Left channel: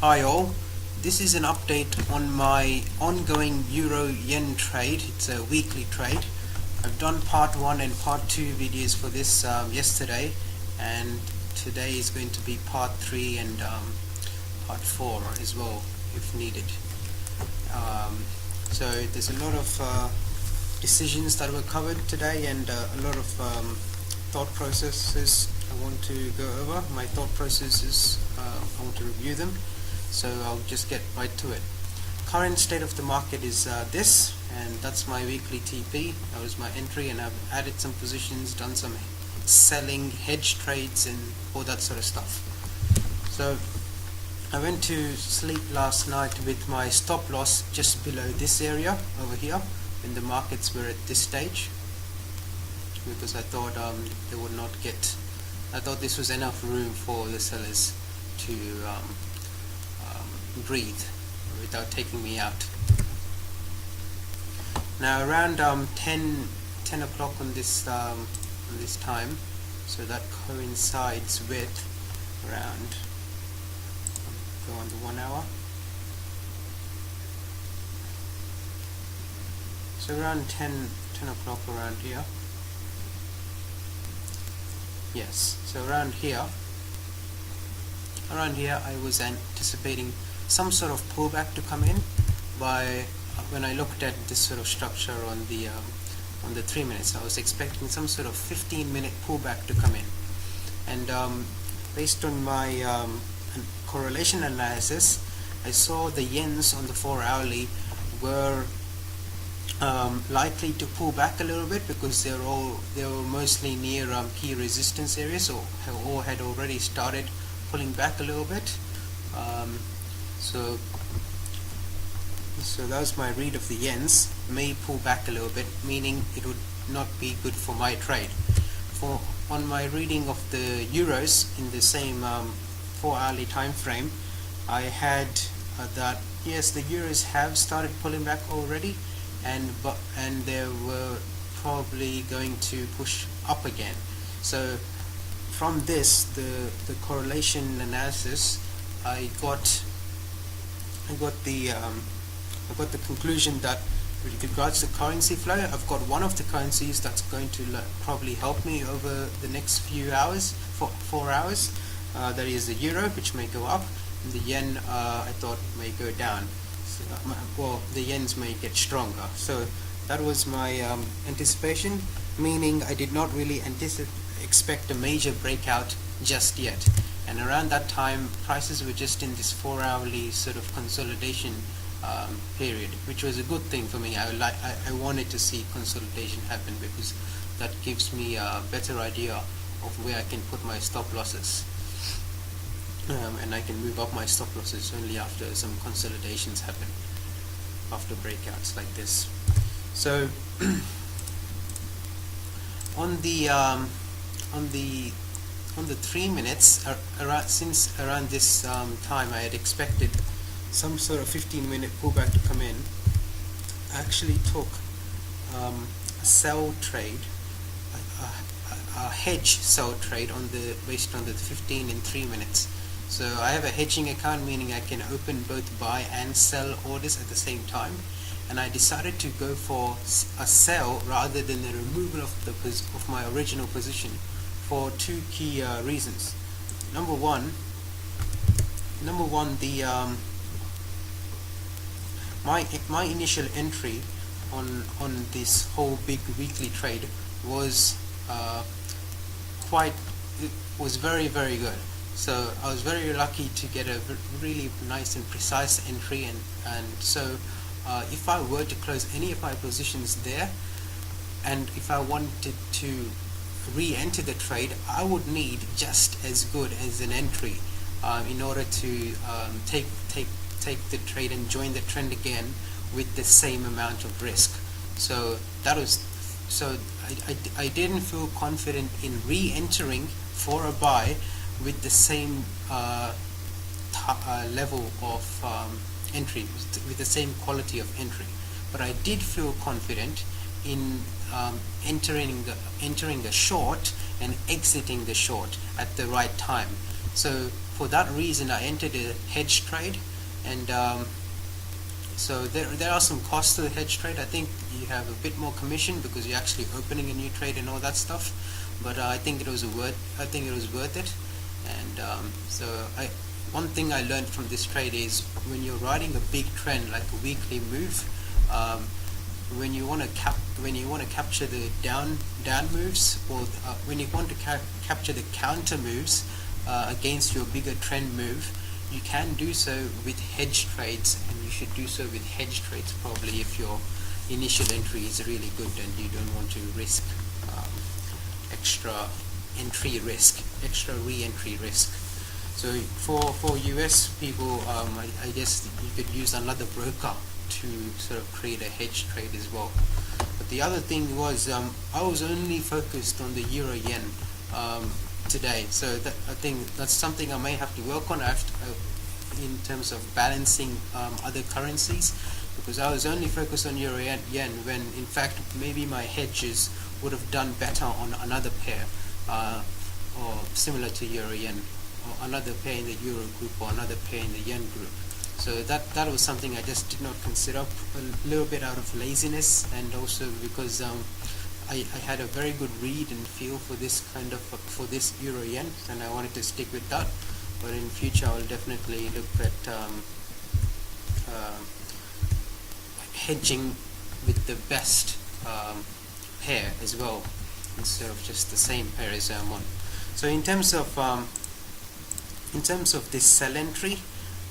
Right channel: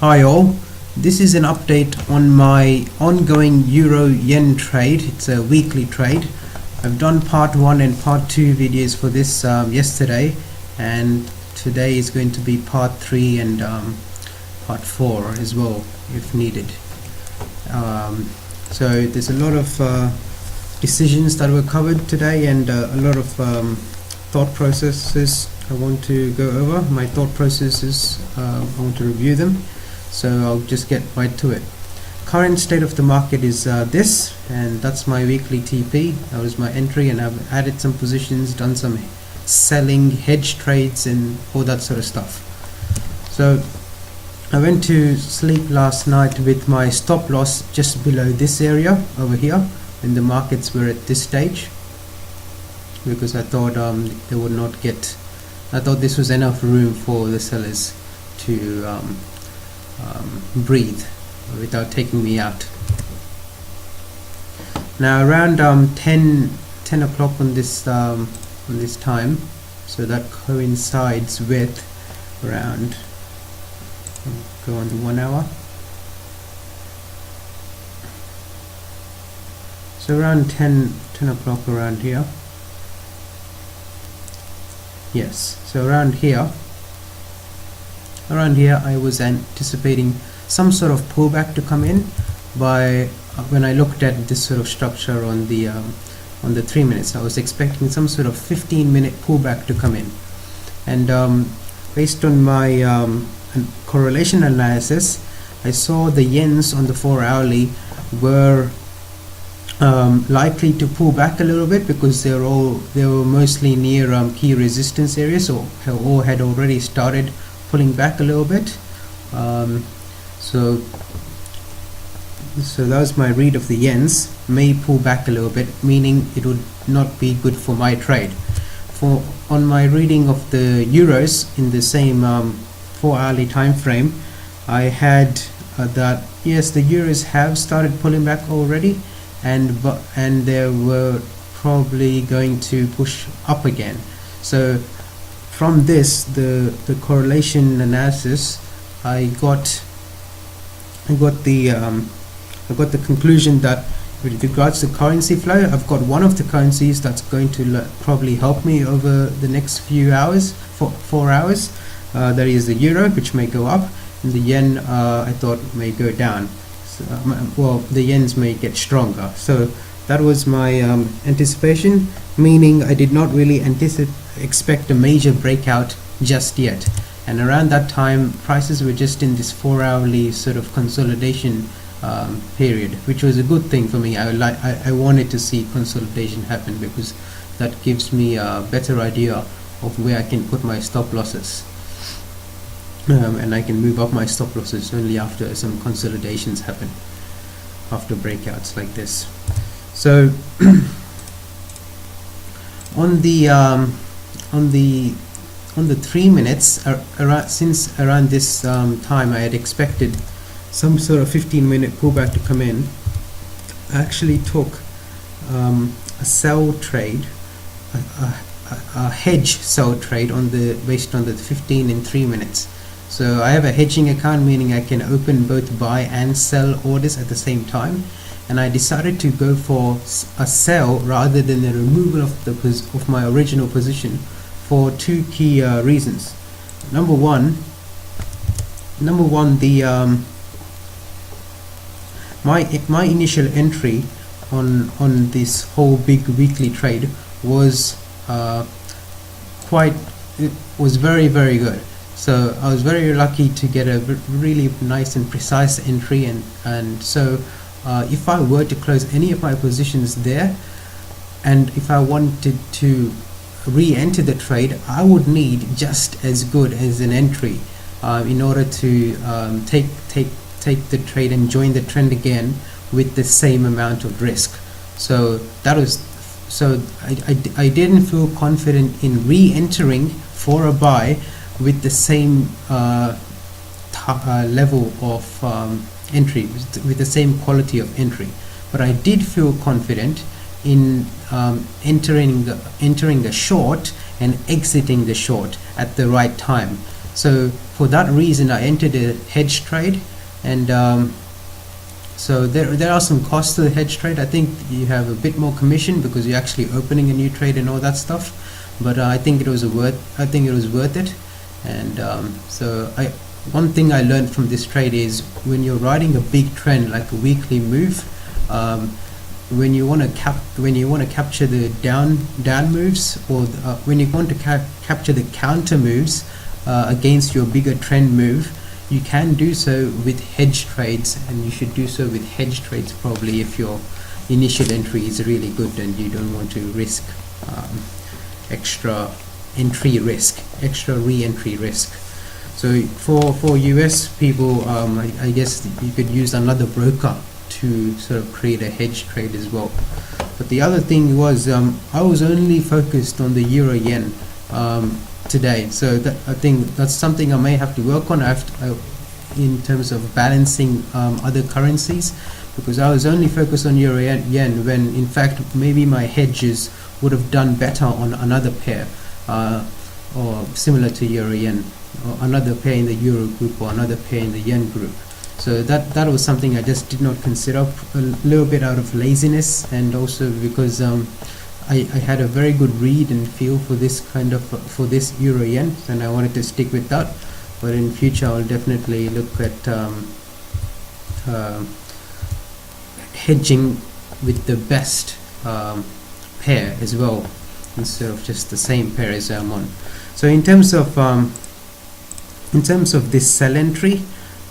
Hi all, this is an update on my ongoing Euro-Yen trade. It's a weekly trade. I've done part 1 and part 2 videos for this yesterday, and today is going to be part 3 and part 4 as well if needed. So there's a lot of decisions that were covered today and a lot of thought processes I want to go over. My thought processes, I want to review them. So I'll just get right to it. Current state of the market is this, and that's my weekly TP. That was my entry, and I've added some positions, done some selling, hedge trades, and all that sort of stuff. So I went to sleep last night with my stop loss just below this area over here, when the markets were at this stage, because I thought they would not get. I thought this was enough room for the sellers to breathe without taking me out. Now around 10 o'clock on this time, so that coincides with around, go on to 1 hour. So around 10 o'clock around here. Yes, so around here I was anticipating some sort of pullback to come in by when I looked at this sort of structure on the 3 minutes. I was expecting some sort of 15-minute pullback to come in, and based on my correlation analysis, I saw the yens on the 4-hourly were likely to pull back a little bit because they were mostly near key resistance areas, or had already started pulling back a little bit. So that was my read of the yens. May pull back a little bit, meaning it would not be good for my trade. On my reading of the euros in the same 4-hourly time frame, I had that yes, the euros have started pulling back already, and they were probably going to push up again. So from this, the correlation analysis, I got the conclusion that with regards to currency flow, I've got one of the currencies that's going to probably help me over the next few hours, 4 hours. That is the euro, which may go up, and the yen I thought may go down. So, well, the yens may get stronger. So that was my anticipation, meaning I did not really expect a major breakout just yet. And around that time, prices were just in this 4-hourly sort of consolidation period, which was a good thing for me. I wanted to see consolidation happen because that gives me a better idea of where I can put my stop losses. And I can move up my stop losses only after some consolidations happen, after breakouts like this. So on the 3 minutes, since around this time I had expected some sort of 15-minute pullback to come in, I actually took a sell trade, a hedge sell trade based on the 15 and 3 minutes. So I have a hedging account, meaning I can open both buy and sell orders at the same time, and I decided to go for a sell rather than the removal of my original position for 2 key reasons. Number one, my initial entry on this whole big weekly trade was very, very good. So I was very lucky to get a really nice and precise entry, and so if I were to close any of my positions there, and if I wanted to re-enter the trade, I would need just as good as an entry in order to take the trade and join the trend again with the same amount of risk. So I didn't feel confident in re-entering for a buy with the same level of entry, with the same quality of entry. But I did feel confident in entering the short and exiting the short at the right time. So for that reason I entered a hedge trade, and so there are some costs to the hedge trade. I think you have a bit more commission because you're actually opening a new trade and all that stuff, but I think it was worth it. And so one thing I learned from this trade is when you're riding a big trend like a weekly move, when you want to capture the down moves, or when you want to capture the counter moves against your bigger trend move, you can do so with hedge trades, and you should do so with hedge trades probably if your initial entry is really good and you don't want to risk extra re-entry risk. So for US people, I guess you could use another broker to sort of create a hedge trade as well. But the other thing was I was only focused on the euro yen today, so I think that's something I may have to work on in terms of balancing other currencies, because I was only focused on euro yen when in fact maybe my hedges would have done better on another pair or similar to euro yen, or another pair in the euro group or another pair in the yen group. So that was something I just did not consider, a little bit out of laziness, and also because I had a very good read and feel for this euro yen, and I wanted to stick with that. But in future I'll definitely look at hedging with the best pair as well, instead of just the same pair as I'm on. So in terms of this sell entry,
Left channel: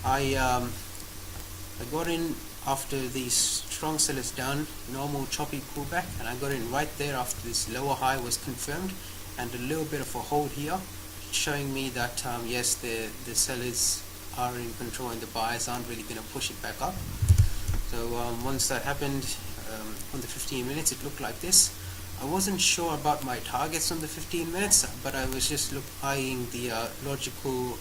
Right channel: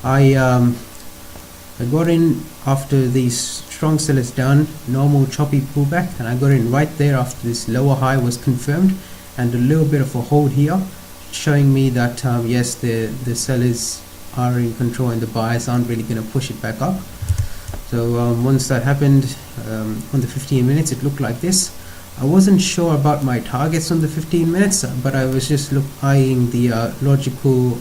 I got in after these strong sellers down, normal choppy pullback, and I got in right there after this lower high was confirmed, and a little bit of a hold here, showing me that yes, the sellers are in control and the buyers aren't really going to push it back up. So once that happened on the 15 minutes, it looked like this. I wasn't sure about my targets on the 15 minutes, but I was just eyeing the logical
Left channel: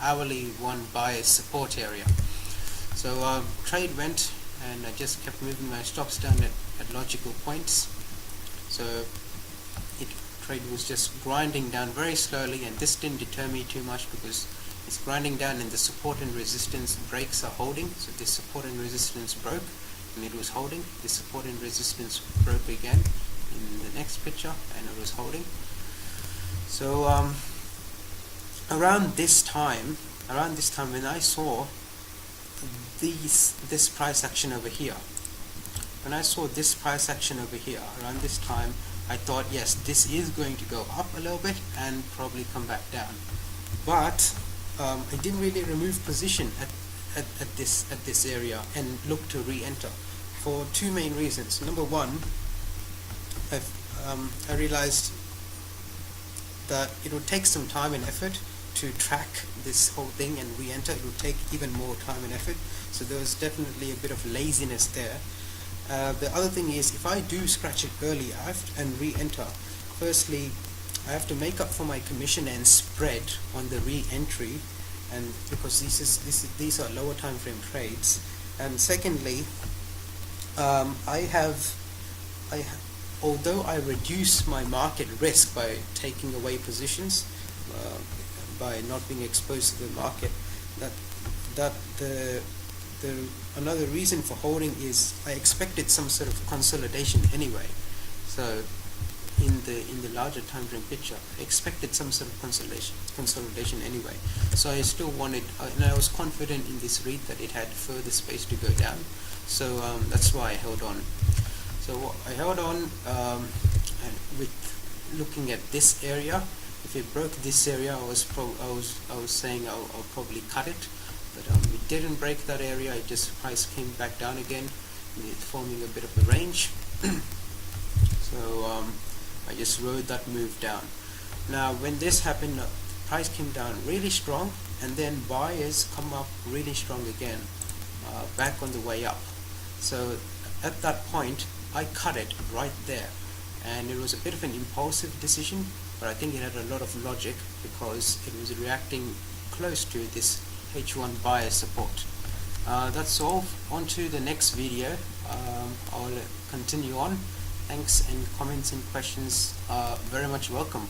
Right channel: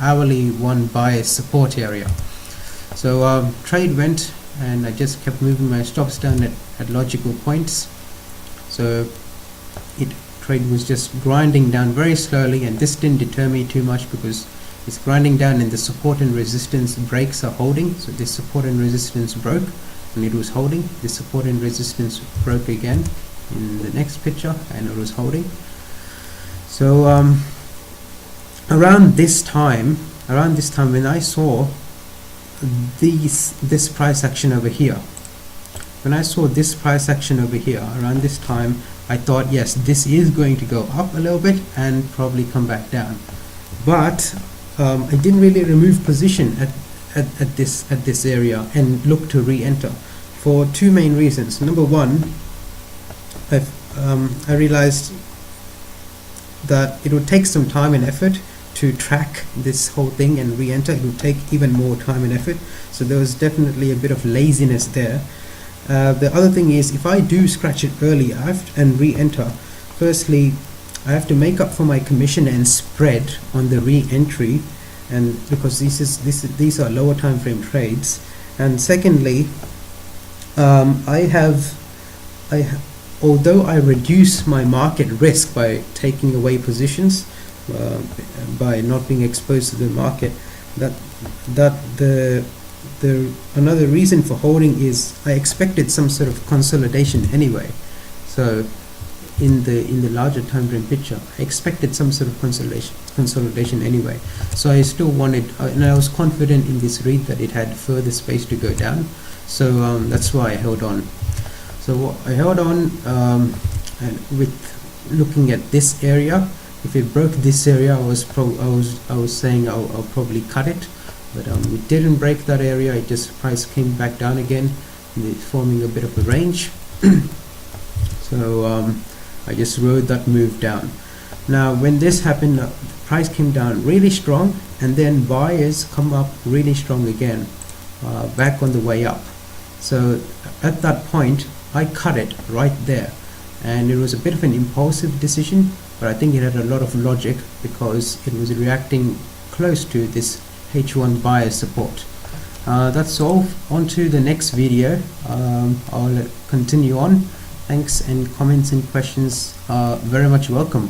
hourly one bias support area. So trade went, and I just kept moving my stops down at logical points. So trade was just grinding down very slowly, and this didn't deter me too much because it's grinding down and the support and resistance breaks are holding. So this support and resistance broke and it was holding. This support and resistance broke again in the next picture and it was holding. So around this time when I saw this price action over here, around this time I thought, yes, this is going to go up a little bit and probably come back down. But I didn't really remove position at this area and look to re-enter for two main reasons. Number one, I realized that it would take some time and effort to track this whole thing and re-enter. It would take even more time and effort, so there was definitely a bit of laziness there. The other thing is, if I do scratch it early and re-enter, firstly I have to make up for my commission and spread on the re-entry, and because these are lower time frame trades. And secondly, although I reduce my market risk by taking away positions, by not being exposed to the market, another reason for holding is I expected some sort of consolidation anyway. So in the larger time frame picture, I expected some sort of consolidation anyway. So I still wanted, and I was confident in this read that it had further space to go down. So that's why I held on. So I held on, and with looking at this area. If it broke this area, I was saying I'll probably cut it, but it didn't break that area. It just price came back down again, forming a bit of a range. So I just rode that move down. Now when this happened, price came down really strong, and then buyers come up really strong again, back on the way up. So at that point I cut it right there, and it was a bit of an impulsive decision, but I think it had a lot of logic because it was reacting close to this H1 buyer support. That's all. On to the next video. I'll continue on. Thanks, and comments and questions are very much welcome.